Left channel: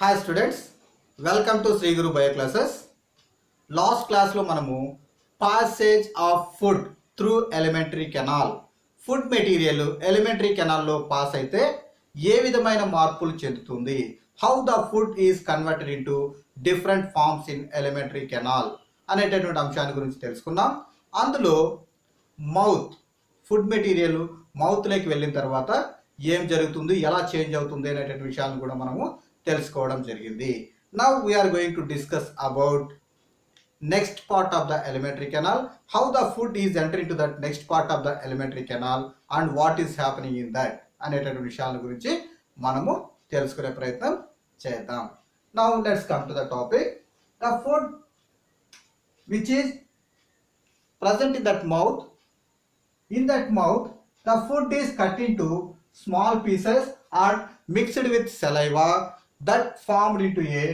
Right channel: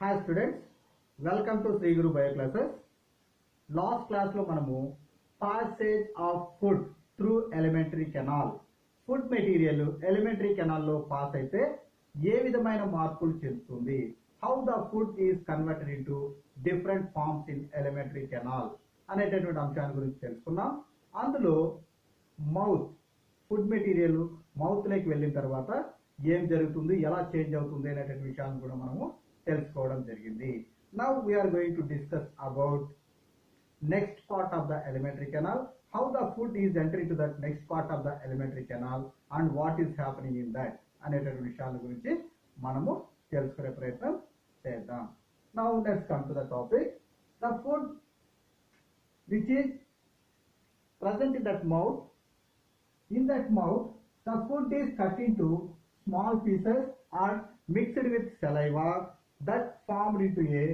Hi students, welcome to Shri Guru bio classes. Last క్లాస్లో మనము passage of food through elementary canal, food material elementary కెనాల్లో pass అయితే ఏ విధమైన మార్పులు చెందుతుంది, how the food is converted into different forms in elementary canal అనేటటువంటి అంశాన్ని గురించి తెలుసుకున్నాం. అందులో మౌత్, ఫుడ్ మెటీరియల్ మౌత్లోకి వెళ్ళిన తర్వాత ఏం జరుగుతుంది, ఎలా చేంజ్ అవుతుంది అనేటువంటి విషయాలను కూడా మనము తెలుసుకోవడం జరిగింది. Now we're going to discuss about next part of the elementary canal, how the food is enter in to that next part of the elementary canal and what is happening in that అనేటువంటి విషయాల గురించి మనము తెలుసుకునే ప్రయత్నం చేద్దాం. Now let's come to the topic. The food which is present in that mouth, the food is cut into small pieces and mixed with saliva that formed into a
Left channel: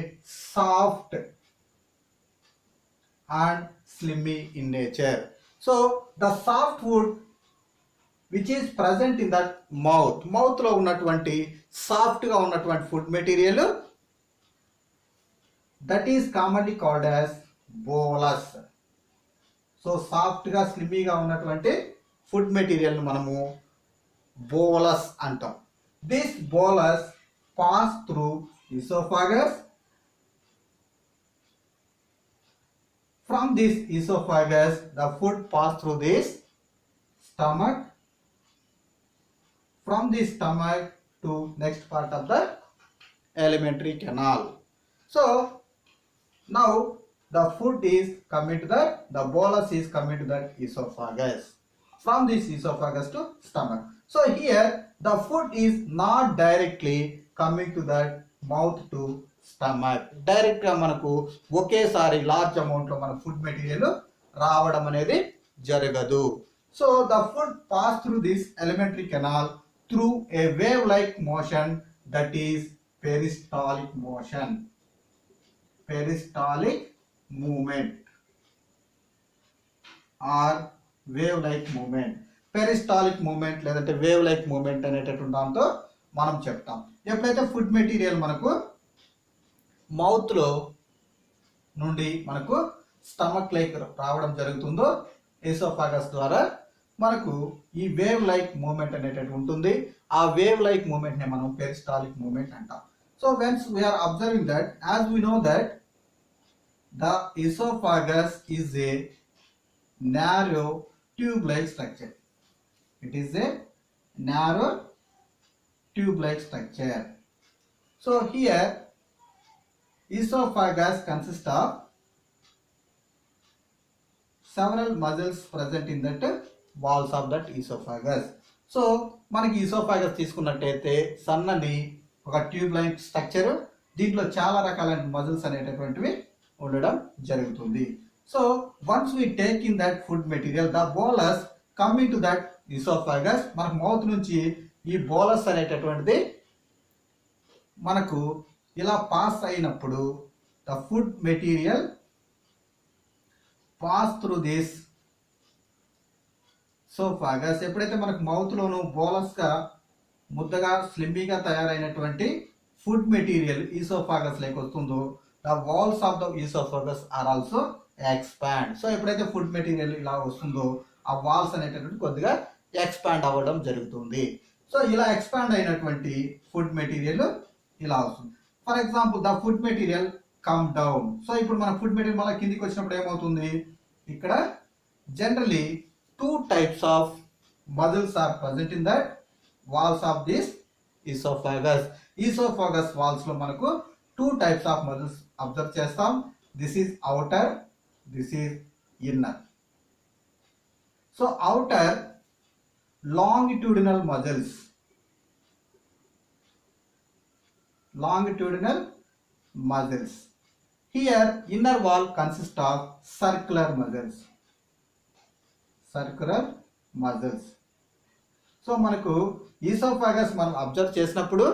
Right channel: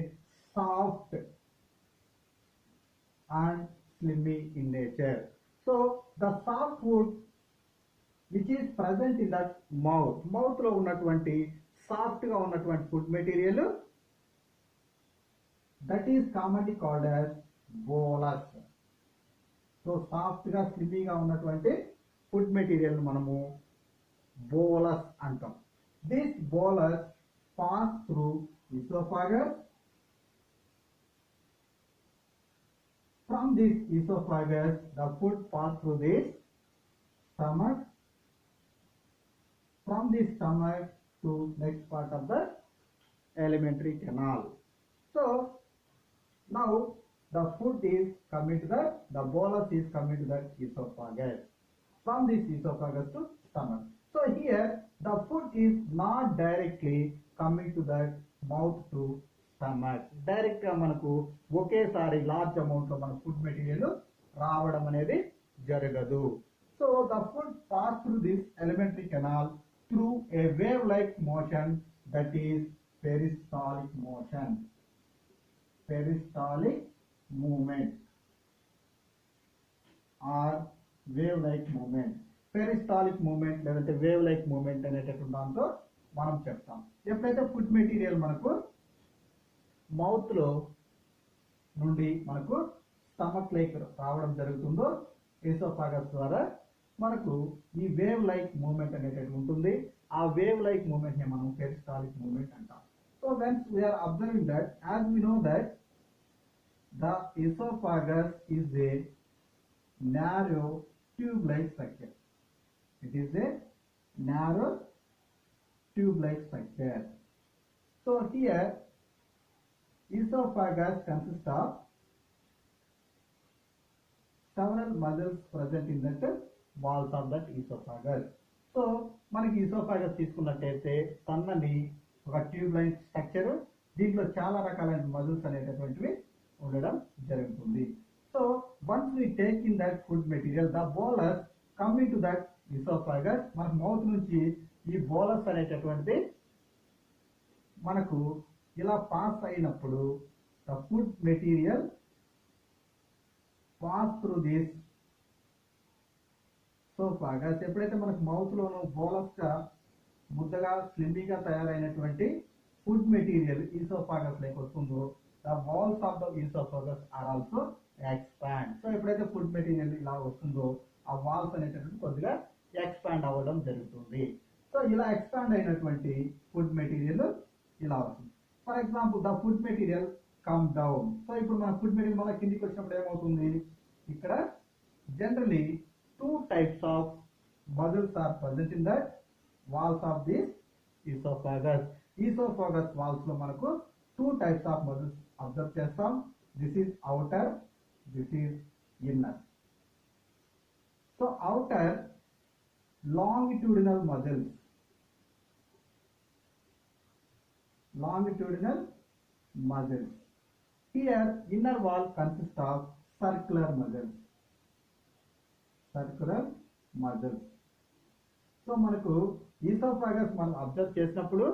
soft and slimy in nature. So the soft food which is present in that mouth లో ఉన్నటువంటి సాఫ్ట్ గా ఉన్నటువంటి food material that is commonly called as bolus. So సాఫ్ట్గా స్లిమ్మీగా ఉన్నటువంటి ఫుడ్ మెటీరియల్ని మనము బోలస్ అంటాం. This bolus pass through oesophagus. From this oesophagus the food pass through this stomach. From this stomach to next part of the elementary canal. So now the food is coming to the bolus is coming to the esophagus. From this esophagus to stomach. So here the food is not directly coming to the mouth to stomach. Direct గా మనకు ఒకేసారి large amount లో మన food material రావడం అనేది జరగదు. So the food pass through this elementary canal through a wave like motion, that is peristaltic motion. Peristaltic movement or wave like movement. Peristaltic movement లేదంటే wave like movement అనేటటువంటి దాంతో మనం చెప్తాం. ఎప్పుడైతే ఫుడ్ మెటీరియల్ మనకు మౌత్లో నుండి మనకు స్టమక్ లైక్ రావడం జరుగుతుందో ఎసోఫాగస్ ద్వారా మనకు ఈ వేవ్ లైక్ మూమెంట్ అనేటటువంటి ఉంటుంది. ఆ వేవ్ లైక్ మూమెంట్ని మనం పెరిస్టాలిక్ మూమెంట్ అంటాం. So once we're observing that, as we know that the esophagus is a narrow tube-like structure. It is a narrow tube-like structure. So here esophagus consists of several muscles present in that walls of that esophagus. So మనకి esophagus తీసుకున్నట్టయితే సన్నని ఒక tube like structure, దీంట్లో చాలా రకాలైన మజిల్స్ అనేటటువంటివి ఉండడం జరుగుతుంది. So once we take in that food material, the bolus coming to that oesophagus, మనకు మౌత్ నుంచి ఈ బోలస్ అనేటటువంటిది మనకు ఇలా పాస్ అయినప్పుడు the food material pass through this oesophagus. ఎప్పుడైతే మనకు మౌత్లోను బోలస్గా ముద్దగా స్లిమ్మీగా తయారైనటువంటి ఫుడ్ మెటీరియల్ ఈసోఫాగస్ లేక వస్తుందో, the walls of the esophagus are also expand. So ఎప్పుడైతే ఫుడ్ మెటీరియల్ ఇలా వస్తుందో ఆ వాల్స్ అనేటటువంటి కొద్దిగా ఎక్స్పాండ్ అవ్వడం జరుగుతుంది. సో ఇలా ఎక్స్పాండ్ అయినటువంటి ఫుడ్ మెటీరియల్ ఇలా వస్తుంది. For example the food material come down. So ఇప్పుడు మన ఫుడ్ మెటీరియల్ మళ్ళీ కిందికి వచ్చినప్పుడు ఏమవుతుంది, ఇక్కడ generally two types of muscles are present in that walls of this oesophagus. Oesophagus walls లో మనకు two types of muscles observe చేస్తాం. This is outer, this is inner. So outer longitudinal muscles, here inner wall consists of circular muscles. So మనకు oesophagus మనం observe చేసినప్పుడు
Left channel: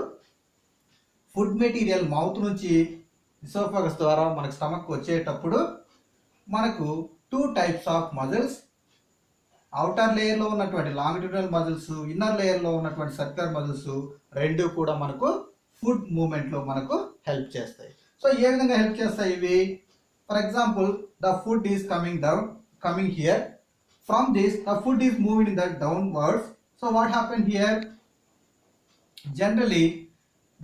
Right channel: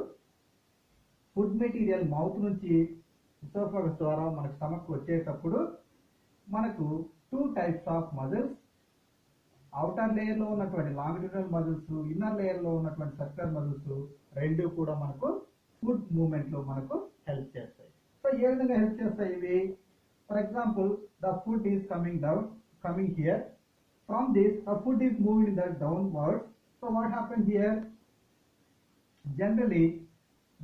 food material mouth నుంచి ఈసోఫాగస్ ద్వారా మనకు స్టమక్ వచ్చేటప్పుడు మనకు two types of muscles, outer లేయర్లో ఉన్నటువంటి లాంగిట్యూడినల్ మజిల్స్, ఇన్నర్ లేయర్లో ఉన్నటువంటి సర్క్యులర్ మజిల్స్ రెండు కూడా మనకు ఫుడ్ మూమెంట్లో మనకు హెల్ప్ హెల్ప్ చేస్తాయి. సో ఏ విధంగా హెల్ప్ చేస్తాయి ఇవి? For example the food is coming here, from this the food is moving in the downwards. So what happen here? Generally,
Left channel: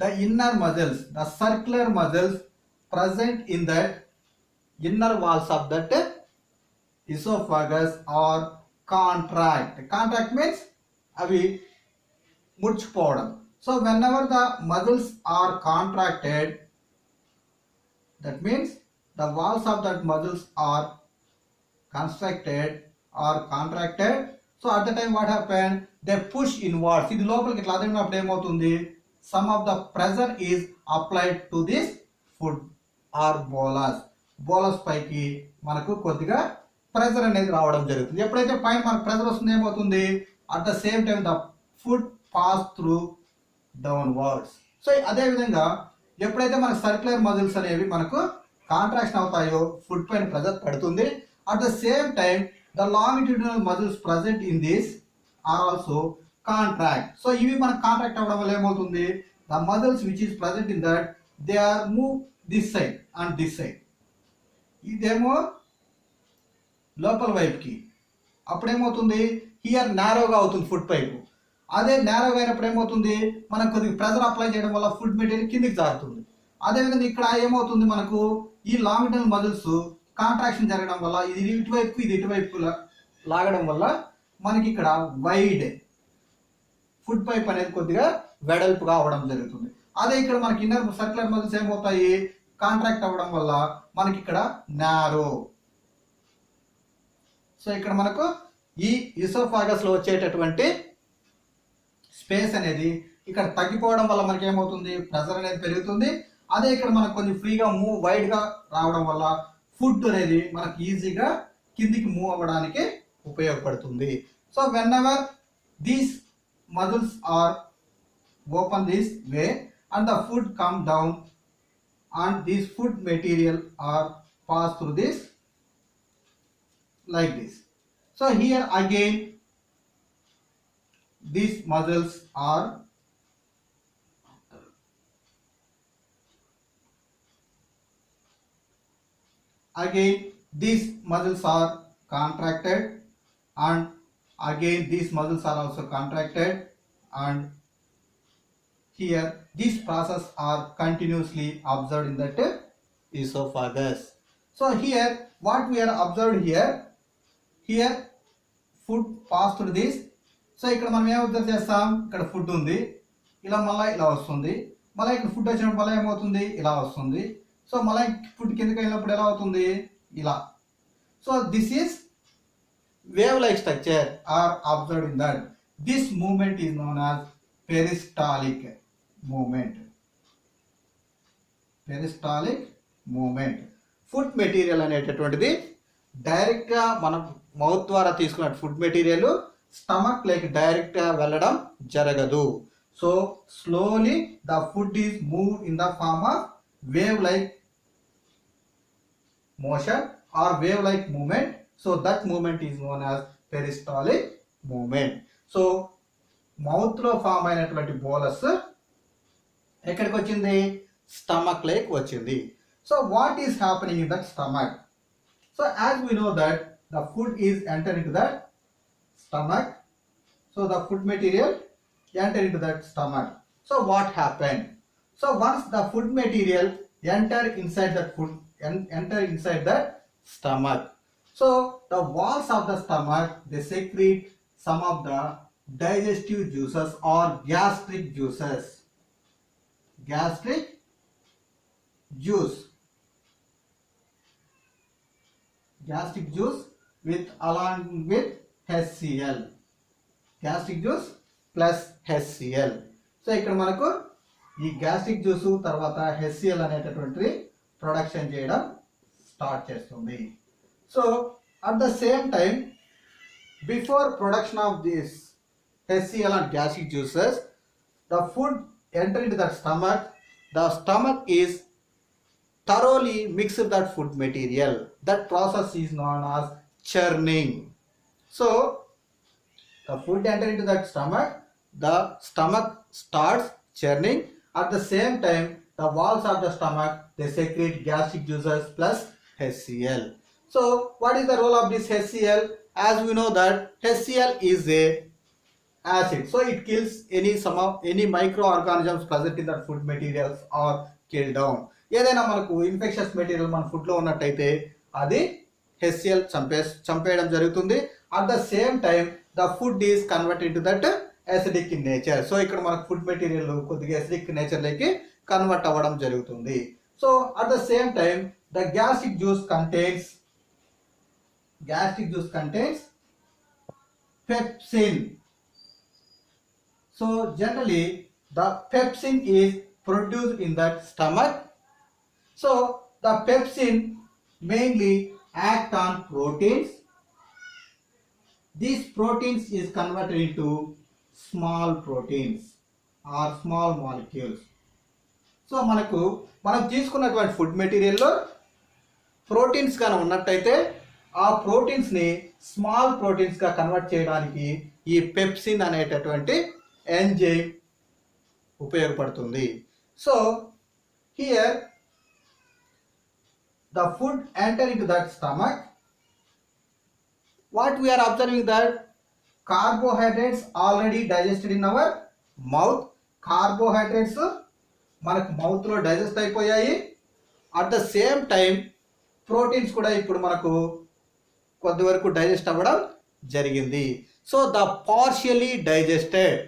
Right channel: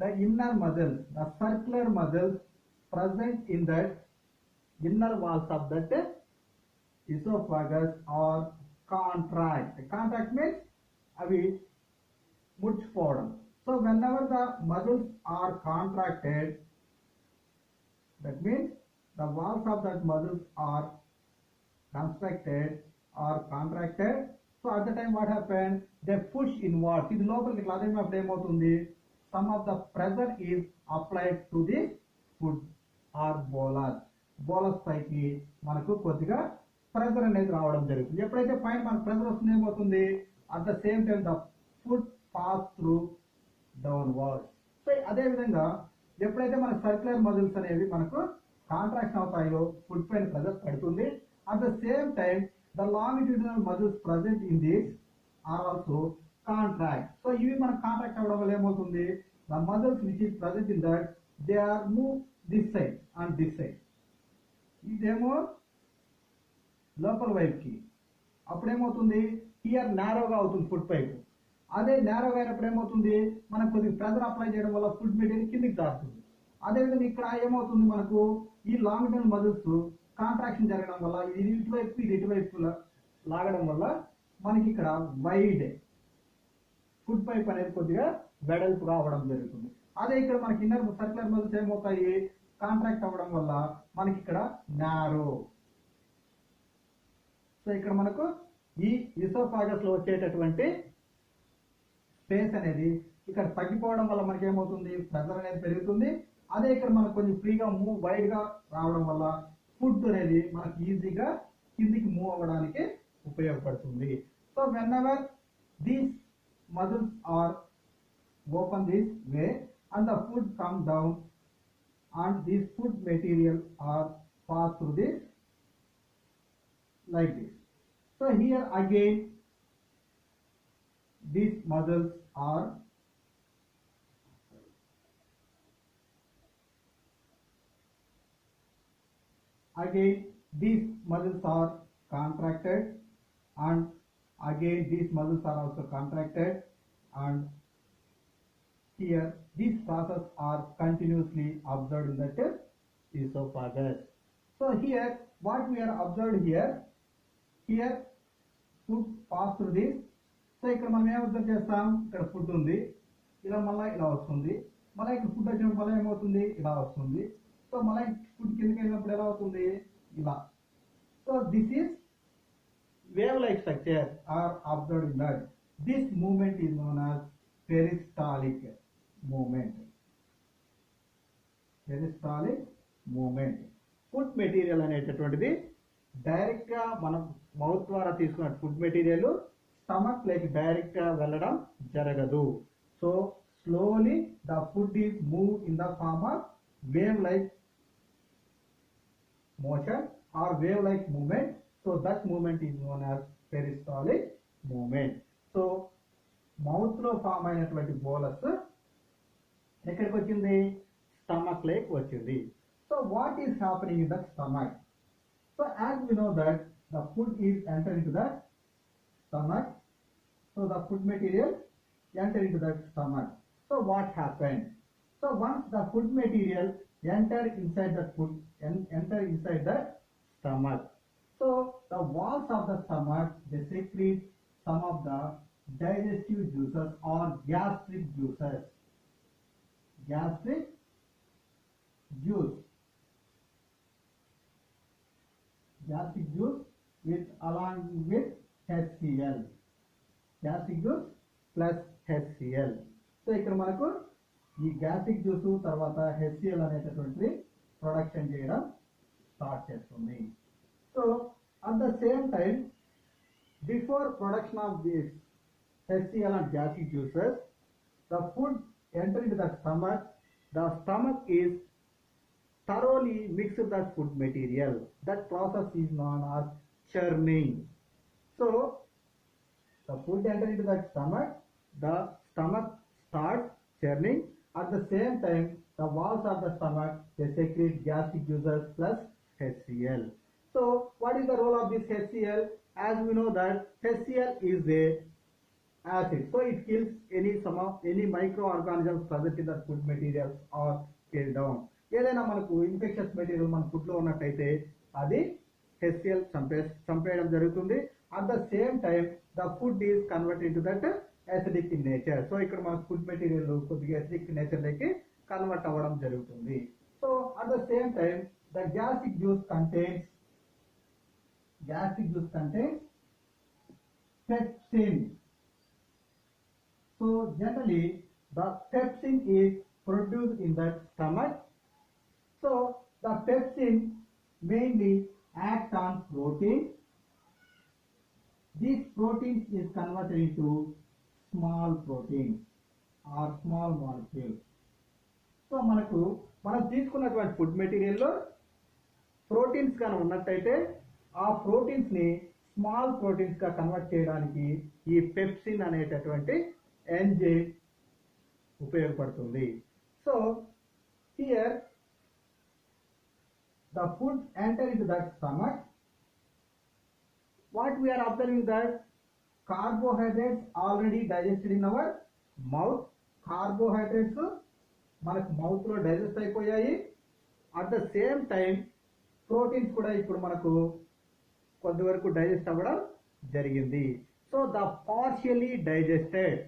the inner muscles, the circular muscles present in that inner walls of that esophagus are contract. Contract means avi mudchipovam. So whenever the muscles are contracted, that means the walls of that muscles are constructed or contracted. So at the time what happened? They push inwards. ఇది లోపలికి ఇట్లా అదినప్పుడు ఏమవుతుంది? Some of the pressure is applied to this food or bolus. Bolus పైకి మనకు కొద్దిగా ప్రెజర్ అనేది రావడం జరుగుతుంది. ఎప్పుడైతే పైన మనకు ప్రెజర్ వస్తుంది ఏమవుతుంది? At the same time the food pass through downwards. So అదే విధంగా ఎప్పుడైతే మన సర్క్యులర్ మజిల్స్ అనేవి మనకు కాంట్రాక్షన్ అవుతాయో ఫుడ్ పైన ప్రెజర్ పడుతుంది. At the same time the longitudinal muscles present in this are also contract. So ఇవి మనకు కాంట్రాక్ట్ అవ్వడం వల్ల ఏమవుతుంది? The muscles which is present in that they are move this side and this side. ఇదేమో లోపల వైపుకి, అప్పుడేమవుతుంది? హియర్ నారోగా అవుతుంది ఫుడ్ పైపు. అదే నారోగా అయినప్పుడు ఏమవుతుంది? మనకు కొద్దిగా ప్రెజర్ అప్లై చేయడం వల్ల ఫుడ్ మెటీరియల్ కిందికి జారుతుంది. అదేవిధంగా ఇక్కడ ఏమవుతుంది? మనకు ఈ లాంగిట్యూడినల్ మజిల్స్ కాంట్రాక్షన్ జరగడం వల్ల ఇది ఇటువైపు ఇది ఇటువైపు లాగడం వల్ల మనకి ఇక్కడ వైడ్ ఫుడ్ పైప్ అనేది కొద్దిగా వెడల్పుగా అవ్వడం జరుగుతుంది. అదే ఇక్కడ మనకి ఇన్నర్ సర్క్యులర్ మజిల్స్ ఏమవుతాయి? కాంట్రాక్ట్ అవ్వడం వల్ల మనకి ఇక్కడ నారో. సో ఇక్కడ మనకు ఈ ఈసోఫాగస్ లో వచ్చేటటువంటి స్పేస్ అనేది ఇక్కడ తగ్గిపోవడం వల్ల మనకి ఏమవుతుంది? ప్రెజర్ అనేది పెరుగుతుంది. అదే ఇక్కడ మనకు కొంచెం ఫ్రీగా మూవ్ వైడ్ గా రావడం వల్ల ఫుడ్ అనేది మనకు ఈజీగా కిందికి మూవ్ అవ్వడానికి ఉపయోగపడుతుంది. So when ever these muscles are open this way and the food come down and this food material are pass through this like this. So here again these muscles are contracted and again these muscles are also contracted and here these process are continuously observed in that esophagus. So here what we are observed here food pass through this. So ఇక్కడ మనం ఏం అబ్జర్వ్ చేస్తాం? ఇక్కడ ఫుడ్ ఉంది, ఇలా మళ్ళీ ఇలా వస్తుంది, మళ్ళీ ఇక్కడ ఫుడ్ వచ్చినప్పుడు మళ్ళీ ఏమవుతుంది? ఇలా వస్తుంది. సో మళ్ళీ ఫుడ్ కిందకి వెళ్ళినప్పుడు ఎలా అవుతుంది? ఇలా. So this is wave-like structure are observed in that. This movement is known as peristaltic movement. Peristaltic movement. Food material అనేటటువంటిది డైరెక్ట్ గా మనం మౌత్ ద్వారా తీసుకున్న ఫుడ్ మెటీరియల్ స్టమక్ లైక్ డైరెక్ట్ గా వెళ్ళడం జరగదు. So slowly the food is move in the form of wave like motion or wave like movement. So that movement is known as peristaltic movement. So mouth లో form అయినటువంటి bolus ఎక్కడికి వచ్చింది? Stomach లేక్ వచ్చింది. So what is happening in that stomach? So as we know that the food is enter in to that stomach. So the food material enter in to that stomach. So what happen? So once the food material enter inside that stomach. So the walls of the stomach, they secrete some of the digestive juices or gastric juices. Gastric juice along with HCl. Gastric juice plus HCl. So ఇక్కడ మనకు ఈ gastric juice తర్వాత HCl అనేటటువంటి ప్రొడక్షన్ చేయడం స్టార్ట్ చేస్తుంది. So at the same time, before production of this HCl and gastric juices, the food enter into the stomach. The stomach is thoroughly mixed that food material. That process is known as churning. So the food enter into that stomach. The stomach starts churning. At the same time, the walls of the stomach, they secrete gastric juices plus HCl. So what is the role of this HCl? As we know that HCl is a acid, so it kills any microorganisms present in the food materials or kill down. ఏదైనా మనకు infections material మన ఫుడ్ లో ఉన్నట్టయితే అది HCl చంపేయడం జరుగుతుంది. At the same time the food is converted to that acidic in nature. So ఇక్కడ మనకు ఫుడ్ మెటీరియల్ కొద్దిగా acidic నేచర్ లోకి కన్వర్ట్ అవ్వడం జరుగుతుంది. So at the same time the gastric juice contains pepsin. So generally the pepsin is produced in that stomach. So the pepsin mainly act on proteins. These proteins is converted into small proteins or small molecules. So మనం తీసుకున్నటువంటి ఫుడ్ మెటీరియల్లో ప్రోటీన్స్ గాన ఉన్నట్టయితే ఆ ప్రోటీన్స్ని స్మాల్ ప్రోటీన్స్గా కన్వర్ట్ చేయడానికి ఈ పెప్సిన్ అనేటటువంటి ఎంజైమ్ ఉపయోగపడుతుంది. So here the food enter into that stomach. What we're observing that carbohydrates already digested in our mouth. Carbohydrates మనకు మౌత్లో డైజెస్ట్ అయిపోయాయి. At the same time proteins కూడా ఇప్పుడు మనకు కొద్ది వరకు డైజెస్ట్ అవ్వడం జరిగింది. So the partially digested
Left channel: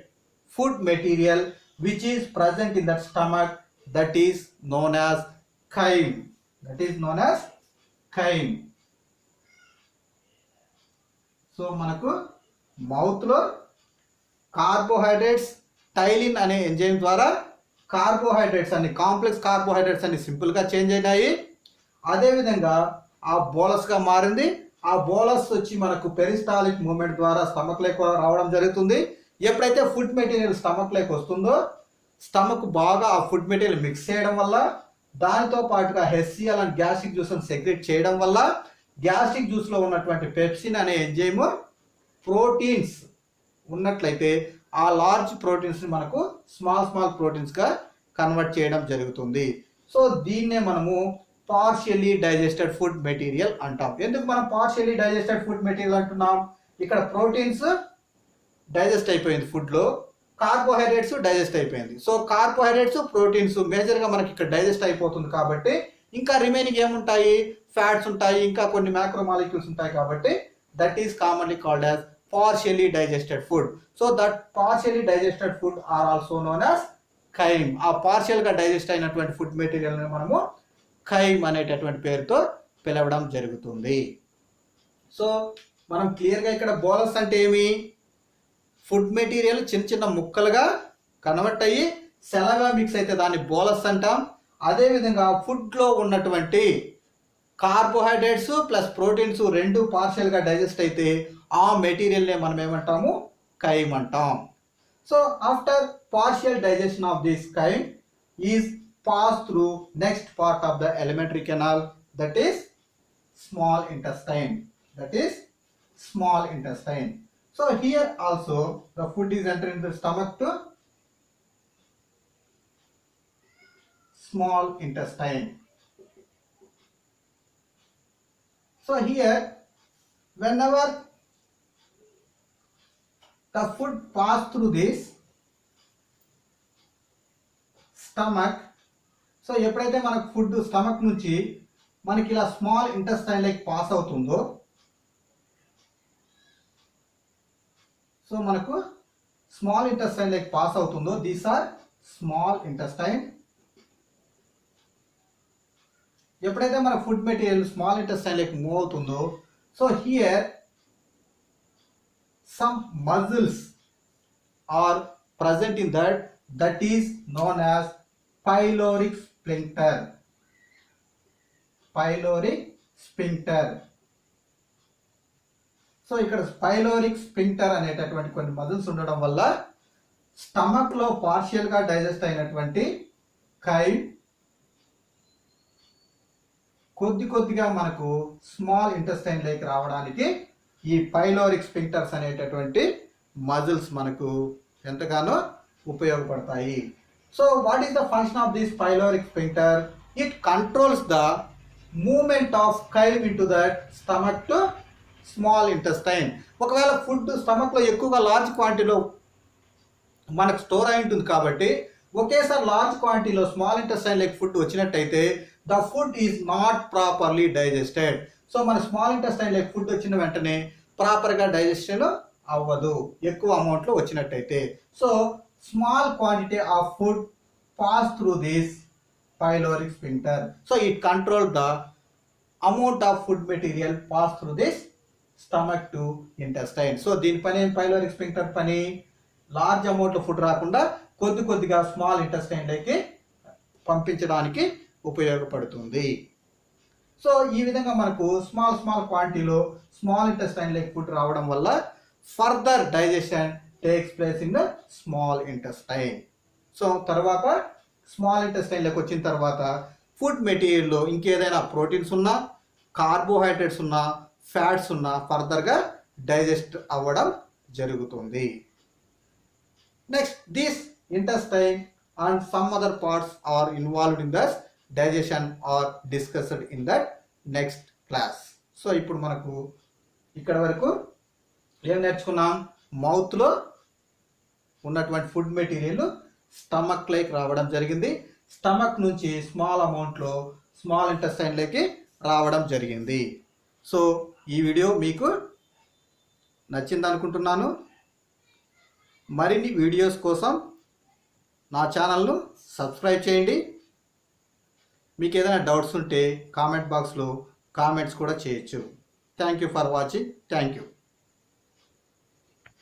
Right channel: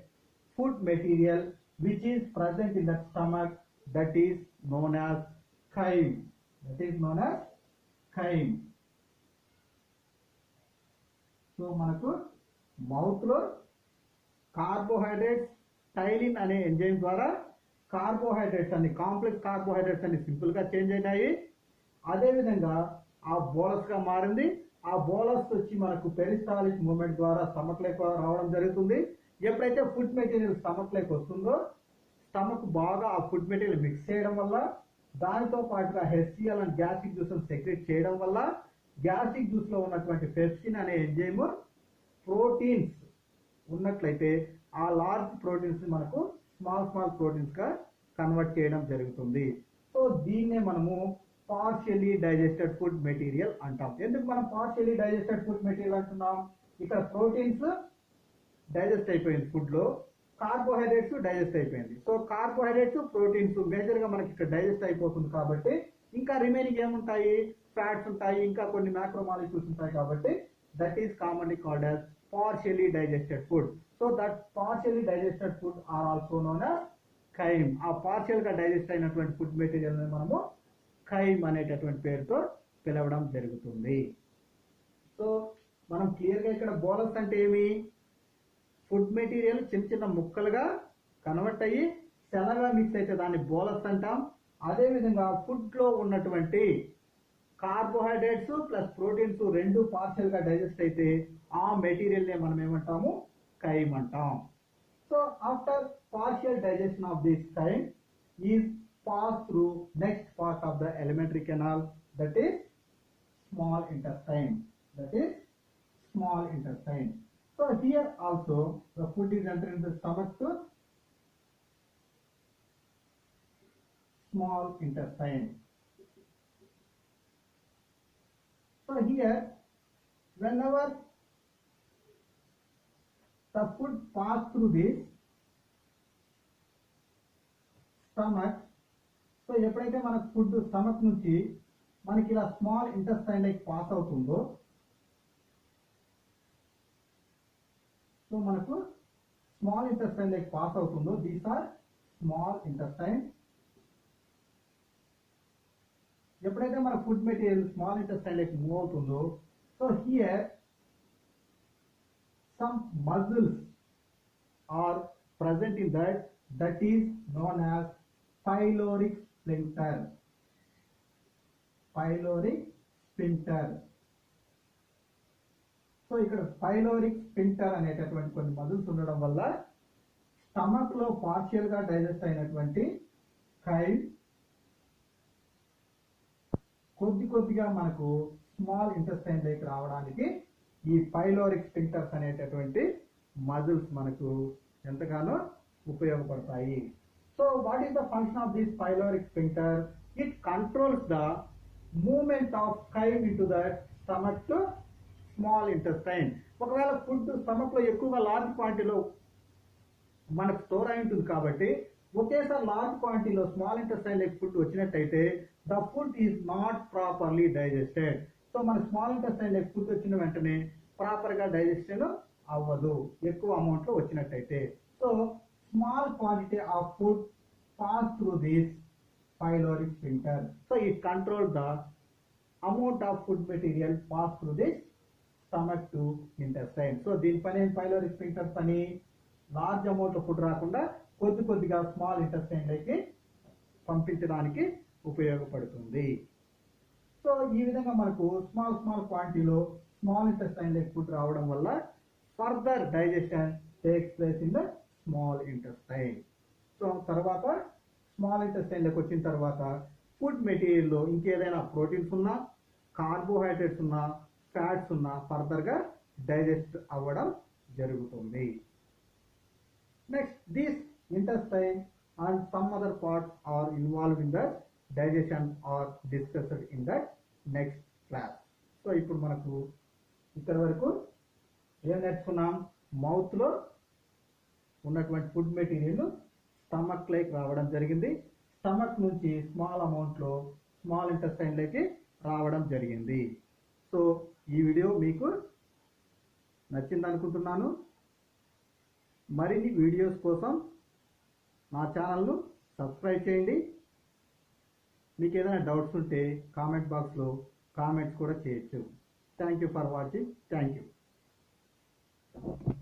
food material which is present in that stomach that is known as chyme. So మనకు మౌత్లో కార్బోహైడ్రేట్స్ టైలిన్ అనే ఎంజైమ్ ద్వారా కార్బోహైడ్రేట్స్ అన్ని కాంప్లెక్స్ కార్బోహైడ్రేట్స్ అన్ని సింపుల్గా చేంజ్ అయినాయి. అదేవిధంగా ఆ బోలస్గా మారింది. ఆ బోలస్ వచ్చి మనకు పెరిస్టాలిక్ మూమెంట్ ద్వారా స్టమక్ లేక రావడం జరుగుతుంది. ఎప్పుడైతే ఫుడ్ మెటీరియల్ స్టమక్ లేక వస్తుందో స్టమక్ బాగా ఆ ఫుడ్ మెటీరియల్ మిక్స్ చేయడం వల్ల దానితో పాటుగా HCl అండ్ గ్యాస్ట్రిక్ జ్యూస్ని సెక్రెట్ చేయడం వల్ల గ్యాస్ట్రిక్ జ్యూస్లో ఉన్నటువంటి పెప్సిన్ అనే ఎంజైమ్ ప్రోటీన్స్ ఉన్నట్లయితే ఆ లార్జ్ ప్రోటీన్స్ని మనకు స్మాల్ ప్రోటీన్స్గా కన్వర్ట్ చేయడం జరుగుతుంది. సో దీన్నే మనము పార్షియలీ డైజెస్టెడ్ ఫుడ్ మెటీరియల్ అంటాం. ఎందుకు మనం పార్షియలీ డైజెస్టెడ్ ఫుడ్ మెటీరియల్ అంటున్నాం? ఇక్కడ ప్రోటీన్స్ డైజెస్ట్ అయిపోయింది, ఫుడ్లో కార్బోహైడ్రేట్స్ డైజెస్ట్ అయిపోయింది. సో కార్బోహైడ్రేట్స్ ప్రోటీన్స్ మేజర్గా మనకి ఇక్కడ డైజెస్ట్ అయిపోతుంది కాబట్టి ఇంకా రిమైనింగ్ ఏముంటాయి? ఫ్యాట్స్ ఉంటాయి, ఇంకా కొన్ని మ్యాక్రో మాలిక్యూల్స్ ఉంటాయి. కాబట్టి that is commonly called as partially digested food. So that partially digested food are also known as chyme. ఆ పార్షియల్ గా డైజెస్ట్ అయినటువంటి ఫుడ్ మెటీరియల్ ని మనము ఖైమ్ అనేటటువంటి పేరుతో పిలవడం జరుగుతుంది. సో మనం క్లియర్ గా ఇక్కడ బోలస్ అంటే ఏమి? ఫుడ్ మెటీరియల్ చిన్న చిన్న ముక్కలుగా కన్వర్ట్ అయ్యి సెలగా మిక్స్ అయితే దాన్ని బోలస్ అంటాం. అదేవిధంగా ఫుడ్లో ఉన్నటువంటి కార్బోహైడ్రేట్స్ ప్లస్ ప్రోటీన్స్ రెండు పార్షియల్గా డైజెస్ట్ అయితే ఆ మెటీరియల్నే మనం ఏమంటాము? ఖైమ్ అంటాం. So after partial digestion of this ఖైమ్ is pass through next part of the elementary canal, that is small intestine. So here also the food is entering the stomach to small intestine. So here whenever the food pass through this stomach, so ఎప్పుడైతే మనకు food stomach నుంచి మనకి ఇలా small intestine like pass అవుతుందో, so మనకు small intestine like pass అవుతుందో these are small intestine. ఎప్పుడైతే మన food material small intestine like move అవుతుందో, so here some muscles are present in that is known as pyloric sphincter. So ఇక్కడ pyloric sphincter అనేటటువంటి కొన్ని మజిల్స్ ఉండడం వల్ల స్టమక్ లో పార్షియల్ గా డైజెస్ట్ అయినటువంటి ఖైమ్ కొద్దిగా మనకు స్మాల్ ఇంటెస్టైన్ లైక్ రావడానికి ఈ పైలోరిక్ స్పింక్టర్స్ అనేటటువంటి మజిల్స్ మనకు ఎంతగానో ఉపయోగపడతాయి. So what is the function of this pyloric sphincter? It controls the movement of chyme into that stomach to small intestine. ఒకవేళ ఫుడ్ స్టమక్లో ఎక్కువగా లార్జ్ క్వాంటిటీలో మనకు స్టోర్ అయి ఉంటుంది కాబట్టి ఒకేసారి లార్జ్ క్వాంటిటీలో స్మాల్ ఇంటెస్టైన్ లైక్ ఫుడ్ వచ్చినట్టయితే the food is not properly digested. So మన స్మాల్ ఇంటెస్టైన్ లైక్ ఫుడ్ వచ్చిన వెంటనే ప్రాపర్గా డైజెషన్ అవ్వదు ఎక్కువ అమౌంట్లో వచ్చినట్టయితే. So small quantity of food pass through this pyloric sphincter. So it controls the amount of food material pass through this stomach to intestine. So దీని పని pyloric sphincter పని లార్జ్ అమౌంట్ ఫుడ్ రాకుండా కొద్దిగా స్మాల్ ఇంటెస్టైన్లోకి పంపించడానికి ఉపయోగపడుతుంది. సో ఈ విధంగా మనకు స్మాల్ క్వాంటిటీలో స్మాల్ ఇంటెస్టైన్లోకి ఫుడ్ రావడం వల్ల further digestion takes place in the small intestine. So తర్వాత స్మాల్ ఇంటెస్టైన్లోకి వచ్చిన తర్వాత ఫుడ్ మెటీరియల్లో ఇంకేదైనా ప్రోటీన్స్ ఉన్నా, కార్బోహైడ్రేట్స్ ఉన్నా, ఫ్యాట్స్ ఉన్నా ఫర్దర్గా డైజెస్ట్ అవ్వడం జరుగుతుంది. Next this intestine and some other parts are involved in this digestion are discussed in that next class. So ఇప్పుడు మనకు ఇక్కడ వరకు ఏం నేర్చుకున్నాం? మౌత్లో ఉన్నటువంటి ఫుడ్ మెటీరియల్ స్టమక్ లైక్ రావడం జరిగింది, స్టమక్ నుంచి స్మాల్ అమౌంట్లో స్మాల్ ఇంటెస్టైన్లోకి రావడం జరిగింది. సో ఈ వీడియో మీకు నచ్చింది అనుకుంటున్నాను. మరిన్ని వీడియోస్ కోసం నా ఛానల్ను సబ్స్క్రైబ్ చేయండి. మీకు ఏదైనా డౌట్స్ ఉంటే కామెంట్ బాక్స్లో కామెంట్స్ కూడా చేయొచ్చు. Thank you for watching. Thank you.